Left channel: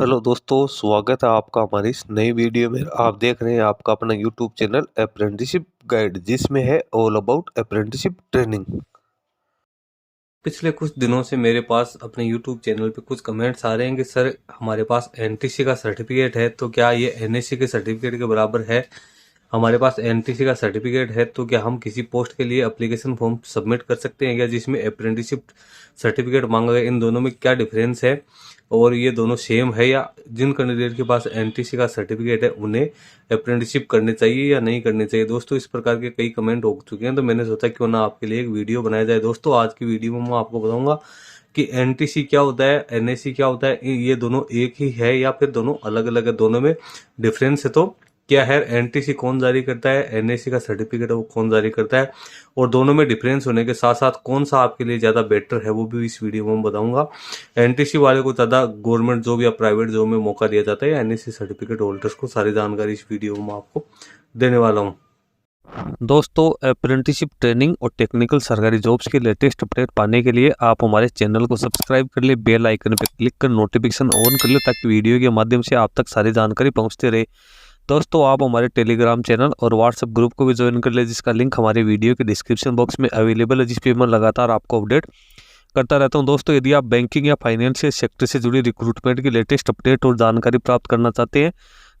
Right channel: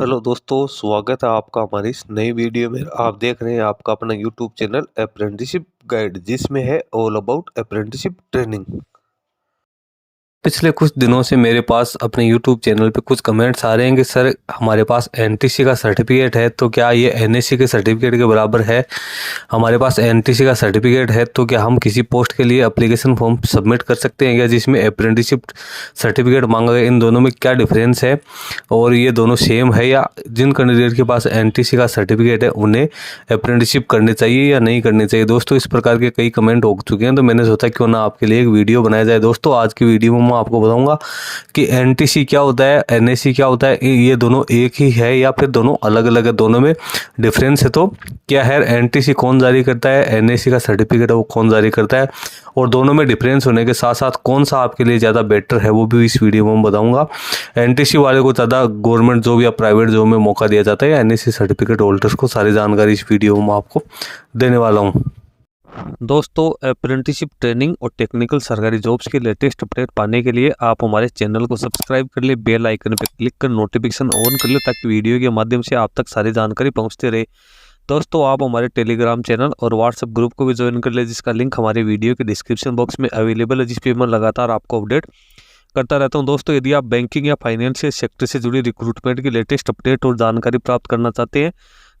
Hello दोस्तों, स्वागत है आपका हमारी इस नई वीडियो में। आप देख रहे हैं आपका अपना यूट्यूब चैनल अप्रेंटिसशिप गाइड, जिसमें है ऑल अबाउट अप्रेंटिसशिप ट्रेनिंग। पिछले कुछ दिनों से मेरे पास अपने YouTube चैनल पे कुछ कमेंट्स आ रहे हैं कि सर हमारे पास एनटीसी का सर्टिफिकेट है तो क्या ये एनएससी के सर्टिफिकेट के बराबर है। हमारे पास एनटीसी का सर्टिफिकेट है तो क्या हम किसी पोस्ट के लिए एप्लीकेशन फॉर्म सबमिट कर सकते हैं क्या जिसमें अप्रेंटिसशिप सर्टिफिकेट मांगा गया। इन दोनों में क्या डिफरेंस है और ये दोनों सेम है, या जिन कैंडिडेट के पास एनटीसी का सर्टिफिकेट है उन्हें अप्रेंटिसशिप करनी चाहिए या नहीं करनी चाहिए। दोस्तों, इस प्रकार के कई कमेंट हो चुके हैं तो मैंने सोचा क्यों ना आपके लिए एक वीडियो बनाया जाए। दोस्तों, आज की वीडियो में मैं आपको बताऊंगा कि एनटीसी क्या होता है, एनएससी क्या होता है, ये दोनों एक ही है या फिर दोनों अलग अलग है, दोनों में डिफरेंस है तो क्या है, एनटीसी कौन जारी करता है, एनएससी का सर्टिफिकेट है वो कौन जारी करता है, और दोनों में डिफरेंस होने के साथ साथ कौन सा आपके लिए ज़्यादा बेटर है वो भी इस वीडियो में बताऊंगा। एनटीसी वाले को ज़्यादा गवर्नमेंट जॉब या प्राइवेट जॉब में मौका दिया जाता है या एनएससी सर्टिफिकेट होल्डर्स को, सारी जानकारी इस वीडियो में आपको देने वाला हूँ। दोस्तों, अप्रेंटिसशिप ट्रेनिंग और टेक्निकल सरकारी जॉब्स के लेटेस्ट अपडेट पाने के लिए आप हमारे चैनल को सब्सक्राइब कर ले, बेल आइकन पर क्लिक कर नोटिफिकेशन ऑन कर ले ताकि वीडियो के माध्यम से आप तक सारी जानकारी पहुंचते रहे। दोस्तों, आप हमारे टेलीग्राम चैनल और व्हाट्सएप ग्रुप को भी ज्वाइन कर ले, जिसका लिंक हमारे वीडियो के डिस्क्रिप्शन बॉक्स में अवेलेबल है, जिस पर मैं लगातार आपको अपडेट करता रहता हूं। दोस्तों, यदि आप बैंकिंग या फाइनेंशियल सेक्टर से जुड़ी रिक्रूटमेंट की लेटेस्ट अपडेट और जानकारी प्राप्त करना चाहते हैं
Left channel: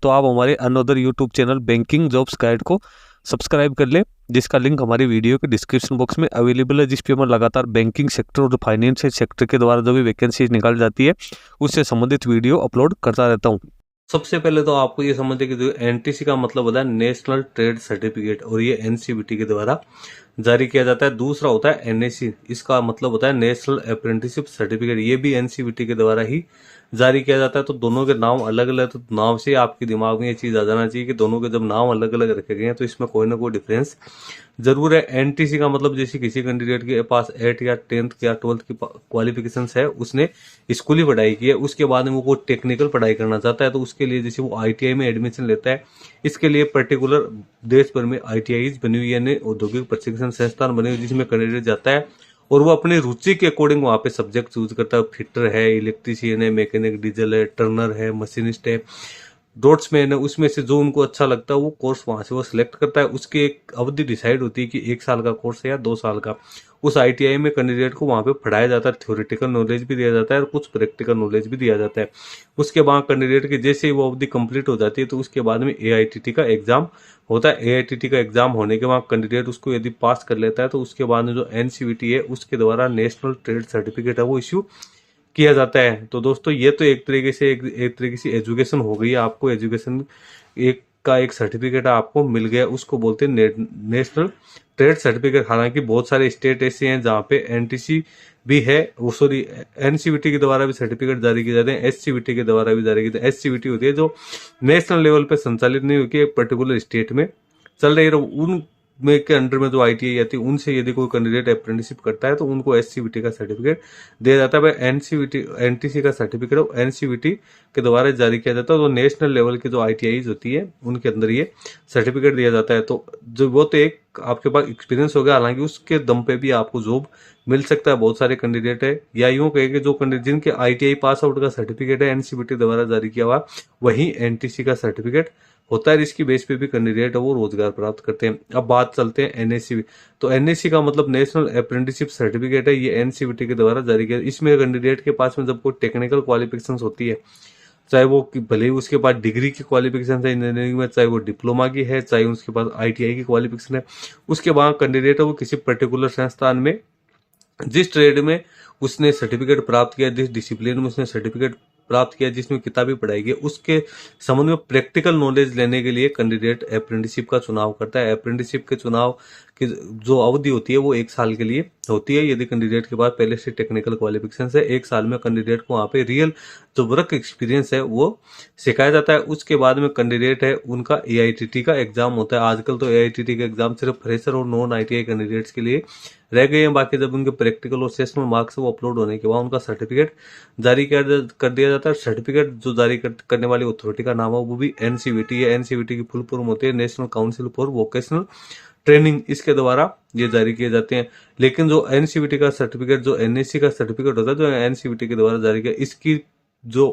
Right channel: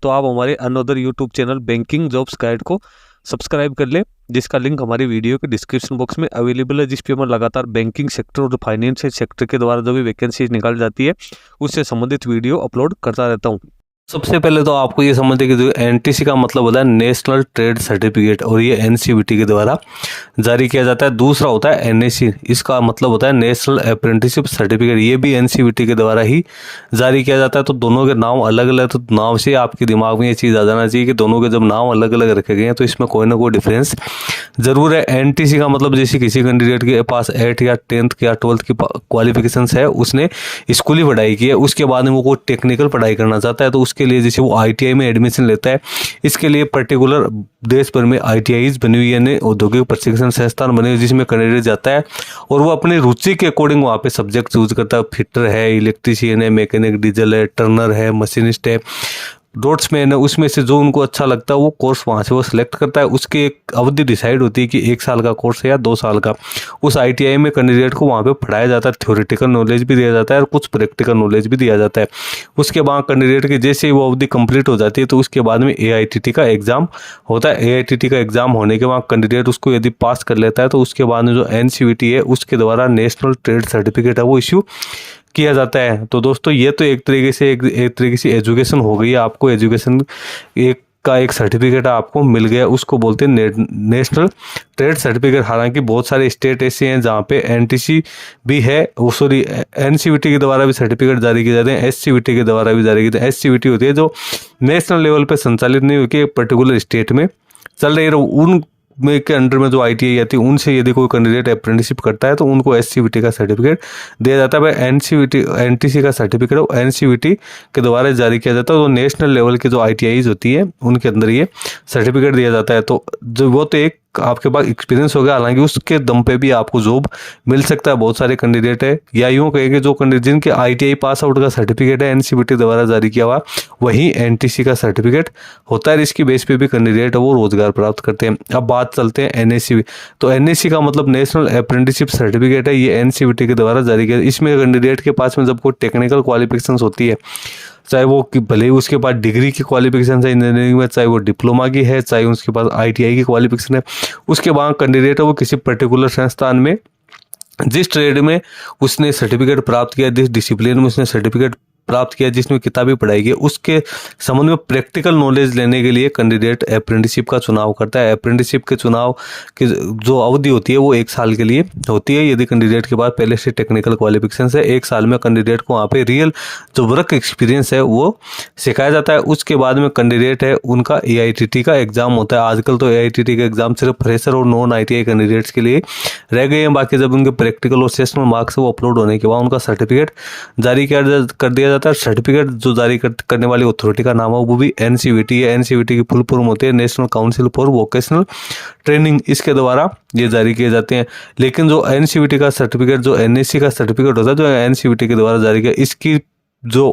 तो आप हमारे another YouTube channel banking jobs guide को सब्सक्राइब कर ले, जिसका लिंक हमारे वीडियो के डिस्क्रिप्शन बॉक्स में अवेलेबल है, जिस पे मैं लगातार बैंकिंग सेक्टर और फाइनेंशियल सेक्टर के द्वारा जो भी वैकेंसी निकाल जाती है उससे संबंधित वीडियो अपलोड करता रहता हूँ। सबसे पहले तो आपको ये समझते कि जो एनटीसी का मतलब होता है नेशनल ट्रेड सर्टिफिकेट, और ये एनसीवीटी के द्वारा जारी किया जाता है। दूसरा होता है एनएससी, इसका मतलब होता है नेशनल अप्रेंटिसशिप सर्टिफिकेट, ये भी एनसीवीटी के द्वारा ही जारी किया जाता है। तो दोनों के नाम अलग अलग, तो नाम से आपके दिमाग में ये चीज़ आ जाना चाहिए कि दोनों के जब नाम अलग अलग रखे गए हैं तो इसमें कोई ना कोई डिफरेंस जरूर है। एनटीसी का मतलब जैसे किसी कैंडिडेट के पास 8 या 10th या 12th की क्वालिफिकेशन है, उसने स्कूली पढ़ाई की है, उसके बाद में वो कोई टेक्निकल पढ़ाई करना चाहता है तो उसके लिए जैसे वो आईटीआई में एडमिशन लेता है, इसके लिए पर्टिकुलर देश भर में आईटीआईज बनी हुई है, औद्योगिक प्रशिक्षण संस्थान बने हुए जिसमें कैंडिडेट जाता है और वो अपनी रुचि के अकॉर्डिंग वहाँ पे सब्जेक्ट चूज करता है। फिटर है, इलेक्ट्रीशियन है, मैकेनिक डीजल है, टर्नर है, मशीनिस्ट है, डॉट्समैन है, उसमें से जो उनको अच्छा लगता है वो कोर्स वहाँ से वो सिलेक्ट करता है। उसकी एक अवधि डिसाइड होती है कि 1 साल का कोर्स है या 2 साल का। उस आईटीआई में कैंडिडेट को वहाँ पे पढ़ाया जाता है, थ्योरेटिकल नॉलेज भी दिया जाता है और कुछ प्रैक्टिकल नॉलेज भी दिया जाता है। उसके बाद कैंडिडेट की जैसे ही वो अवधि कंप्लीट हो जाती है तो उसके बाद में एआईटीटी का एग्जाम होता है। एआईटीटी का एग्जाम होने के बाद कैंडिडेट उसको यदि पास कर लेता है तो उसके बाद में जो एनसीवीटी है उसके द्वारा नेशनल ट्रेड सर्टिफिकेट है वो इश्यू किया जाता है। तो दोस्तों, ये तो एक तरीके से एजुकेशन हो गई है। आपको एजुकेशन एक सर्टिफिकेट आपको मिल गया, उसको बोलते हैं नेशनल ट्रेड सर्टिफिकेट। हालांकि बहुत सारे स्टेट ऐसे हैं जहाँ पे एनटीसी भी है, सॉरी एनसीवीटी के द्वारा भी सर्टिफिकेट जारी किए जाते हैं, एससीवीटी के द्वारा भी जारी किए जाते हैं। एससीवीटी होती है जो नेशनल लेवल पे संचालित नहीं होकर एक पर्टिकुलर स्टेट में चल रही है, उन में के अंडर में जो आईटीआई आती है उनसे यदि कोई कैंडिडेट अप्रेंटिसशिप करता है तो उनको एससीवीटी का सर्टिफिकेट दिया जाता है। एनसीवीटी एनटीसी का सर्टिफिकेट वो एनसीवीटी के द्वारा जारी किया जाता है। तो नेशनल लेवल की जो आईटीआईज होती है उनके अंदर ये सर्टिफिकेट दिया जाता है। तो जो वो तो एक आपके पास एक्सपीरियंस होगा, हालांकि उसके दम पे भी आपको जॉब मिल सकता है। बहुत सारे कैंडिडेट है, या यूँ कहेंगे जो कैंडिडेट जिनके आईटीआई पास आउट का सर्टिफिकेट है एनसीवीटी द्वारा जारी किया हुआ, वही एनटीसी का सर्टिफिकेट होता है। इसकी बेस पे भी कैंडिडेट वो रोजगार प्राप्त करते हैं। अब बात चलते हैं एनएससी। तो एनएससी का मतलब नेशनल अप्रेंटिसशिप सर्टिफिकेट है, ये एनसीवीटी के द्वारा जारी किया। इसमें कैंडिडेट के पास में जब कोई टेक्निकल क्वालिफिकेशन होती है, चाहे वो भले ही उसके पास डिग्री की क्वालिफिकेशन है इंजीनियरिंग में, चाहे वो डिप्लोमा की है, चाहे उसके पास आईटीआई की क्वालिफिकेशन है, उसके बाद कैंडिडेट है वो किसी पर्टिकुलर संस्थान में जिस ट्रेड में उसने सर्टिफिकेट प्राप्त किया, जिस डिसिप्लिन में उसने सर्टिफिकेट प्राप्त किया, जिसमें किताबी पढ़ाई की, उसके संबंध में प्रैक्टिकल नॉलेज लेने के लिए कैंडिडेट अप्रेंटिसशिप का चुनाव करता है। अप्रेंटिसशिप के चुनाव की जो अवधि होती है वो 1 साल के लिए होती है। यदि कैंडिडेट के पास पहले से टेक्निकल क्वालिफिकेशन है, 1 साल में कैंडिडेट को वहाँ पे रियल जो वर्क एक्सपीरियंस है वो सिखाया जाता है। उसके बाद में कैंडिडेट है उनका एआईटीटी का एग्जाम होता है। आजकल तो एआईटीटी का एग्जाम सिर्फ फ्रेशर और नॉन आईटीआई कैंडिडेट्स के लिए रह गए हैं। बाकी जब उनके प्रैक्टिकल और सेशनल मार्क्स वो अपलोड होने के बाद उनका सर्टिफिकेट जारी कर दिया जाता है। सर्टिफिकेट जो जारी करने वाली अथॉरिटी का नाम है वो भी एनसीवीटी है। एनसीवीटी की फुल फॉर्म होती है national council for vocational training, इसके द्वारा ये जारी किए जाते हैं। लेकिन जो एनसीवीटी का सर्टिफिकेट, जो एनएससी का सर्टिफिकेट होता है, जो एनसीवीटी के द्वारा जारी किया, इसकी जो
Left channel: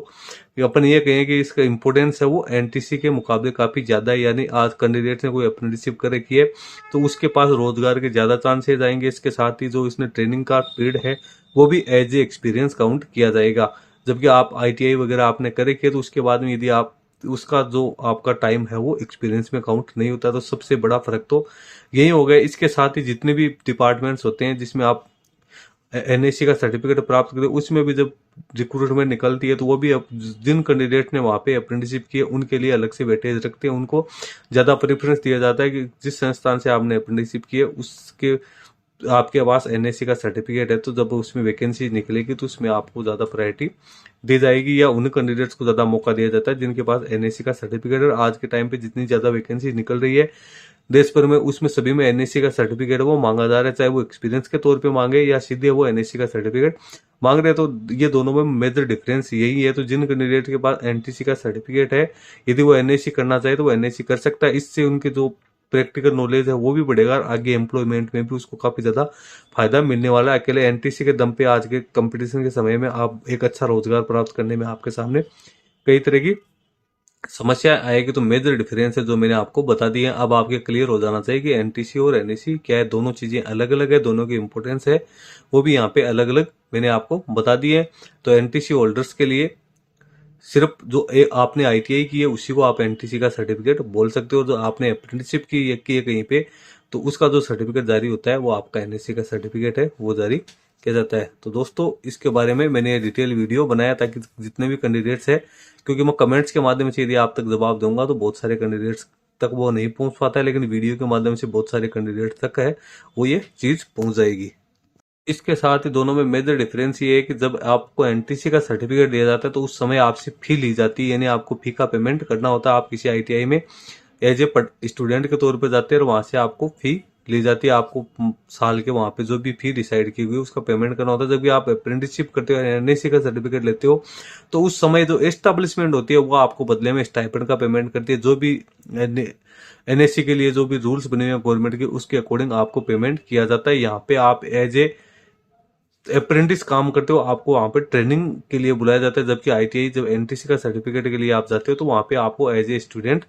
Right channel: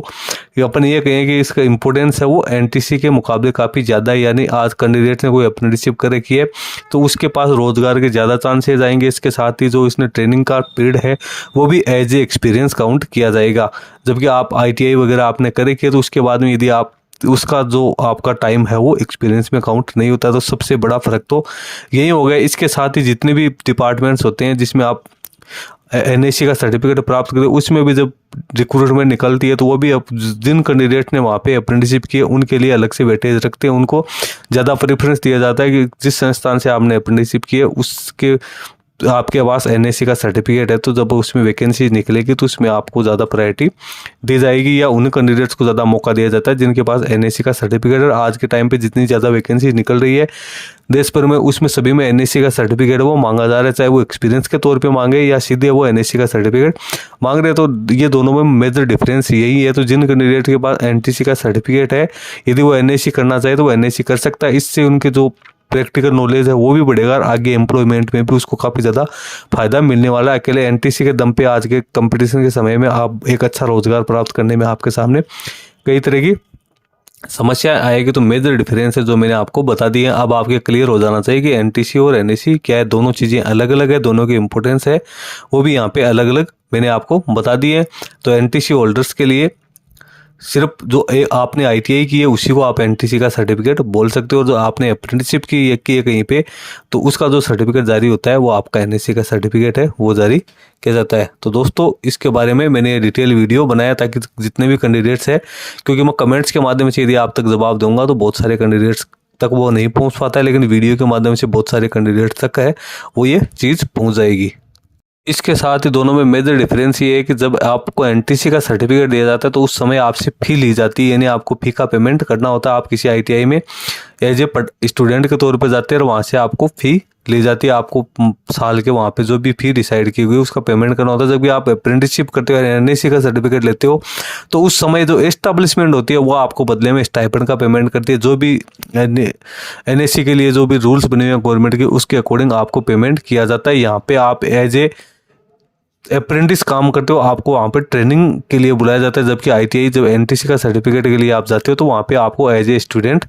अपन ये कहें कि इसका इम्पोर्टेंस है वो एनटीसी के मुकाबले काफ़ी ज़्यादा है। यानी आज कैंडिडेट ने कोई अप्रेंटिसशिप कर रखी है तो उसके पास रोजगार के ज़्यादा चांसेस आएंगे। इसके साथ ही जो इसने ट्रेनिंग का पीरियड है वो भी एज ए एक्सपीरियंस काउंट किया जाएगा। जबकि आप आईटीआई वगैरह आपने कर रखी है तो उसके बाद में यदि आप उसका जो आपका टाइम है वो एक्सपीरियंस में काउंट नहीं होता। तो सबसे बड़ा फ़र्क तो यही हो गया। इसके साथ ही जितने भी डिपार्टमेंट्स होते हैं जिसमें आप एनएससी का सर्टिफिकेट प्राप्त करें, उसमें भी जब रिक्रूटमेंट निकलती है तो वो भी अब जिन कैंडिडेट ने वहाँ पे अप्रेंटिसशिप की है उनके लिए अलग से वेटेज रखते हैं। उनको ज़्यादा प्रेफरेंस दिया जाता है कि जिस संस्थान से आपने अप्रेंटिसशिप की है उसके आपके पास एनएससी का सर्टिफिकेट है तो जब उसमें वैकेंसी निकलेगी तो उसमें आपको ज़्यादा प्रायोरिटी दी जाएगी या उन कैंडिडेट्स को ज़्यादा मौका दिया जाता है जिनके पास एनएससी का सर्टिफिकेट है। आज के टाइम पे जितनी ज़्यादा वैकेंसी निकल रही है देश भर में उसमें सभी में एनएससी का सर्टिफिकेट वो मांगा जा रहा है, चाहे वो एक्सपीरियंस के तौर पे मांगे या सीधे वो एनएससी का सर्टिफिकेट मांग रहे हैं। तो ये दोनों में मेजर डिफरेंस यही है। तो जिन कैंडिडेट के पास एनटीसी का सर्टिफिकेट है यदि वो एनएससी करना चाहे तो वो एनएससी कर सकता है। इससे उनके जो प्रैक्टिकल नॉलेज है वो भी बढ़ेगा और आगे एम्प्लॉयमेंट में भी उसको काफ़ी ज़्यादा फायदा मिलने वाला है। अकेले एनटीसी के दम पे आज के कंपटीशन के समय में आप एक अच्छा रोजगार प्राप्त करने में आपके सामने कई तरह की समस्या आएगी। तो मेजर डिफरेंस है जो मैंने आपको बता दी है। अब आपके क्लियर हो जाना चाहिए कि एनटीसी और एनएससी क्या है, दोनों चीज़ें अलग अलग है, दोनों की इंपॉर्टेंस है वो भी यहाँ पे अलग अलग मैंने आपको बता दी है। तो एनटीसी होल्डर्स के लिए सिर्फ जो आपने आईटीआई की है उसी को आप एनटीसी का सर्टिफिकेट बोल सकते हो। जो आपने अप्रेंटिसशिप की है कहीं पे तो उसका जो सर्टिफिकेट जारी होता है वो आपका एनएससी का सर्टिफिकेट है वो जारी किया जाता है। तो दोस्तों इसके बारे में मैंने डिटेल वीडियो बनाया ताकि जितने भी कैंडिडेट्स हैं, क्योंकि मैं कमेंट्स के माध्यम से यदि आप तक जवाब दूंगा तो बहुत सारे कैंडिडेट्स तक वो नहीं पहुंच पाता है, लेकिन वीडियो के माध्यम से बहुत सारे कैंडिडेट्स तक है वो ये चीज़ पहुँच जाएगी। इसके साथ ही दोनों में मेजर डिफरेंस ये है कि जब आपको एनटीसी का सर्टिफिकेट दिया जाता है तो उस समय आपसे फ़ी ली जाती है, यानी आपको फ़ी का पेमेंट करना होता है। आप किसी आईटीआई में एज ए स्टूडेंट के तौर पे जाते हैं और वहाँ से आपको फ़ी ली जाती है। आपको साल के वहाँ पे जो भी फ़ी डिसाइड की हुई उसका पेमेंट करना होता है। जब भी आप अप्रेंटिसशिप करते हो एनएससी का सर्टिफिकेट लेते हो तो उस समय जो एस्टेब्लिशमेंट होती है वो आपको बदले में स्टाइपेंड का पेमेंट करती है। जो भी एनएससी के लिए जो भी रूल्स बने हुए हैं गवर्नमेंट के उसके अकॉर्डिंग आपको पेमेंट किया जाता है। यहाँ पे आप एज ए अप्रेंटिस काम करते हो आपको वहाँ पे ट्रेनिंग के लिए बुलाया जाता है। जबकि आईटीआई जब एनटीसी का सर्टिफिकेट के लिए आप जाते हो तो वहाँ पे आपको एज ए स्टूडेंट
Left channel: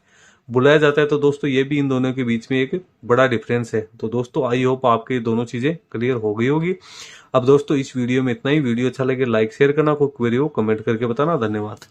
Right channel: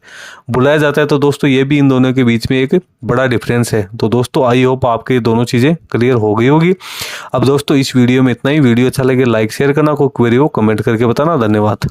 बुलाया जाता है। तो दोस्तों ये भी इन दोनों के बीच में एक बड़ा डिफरेंस है। तो दोस्तों आई होप आपके दोनों चीज़ें क्लियर हो गई होगी। अब दोस्तों इस वीडियो में इतना ही। वीडियो अच्छा लगे लाइक शेयर करना, कोई क्वेरी हो कमेंट करके बताना। धन्यवाद।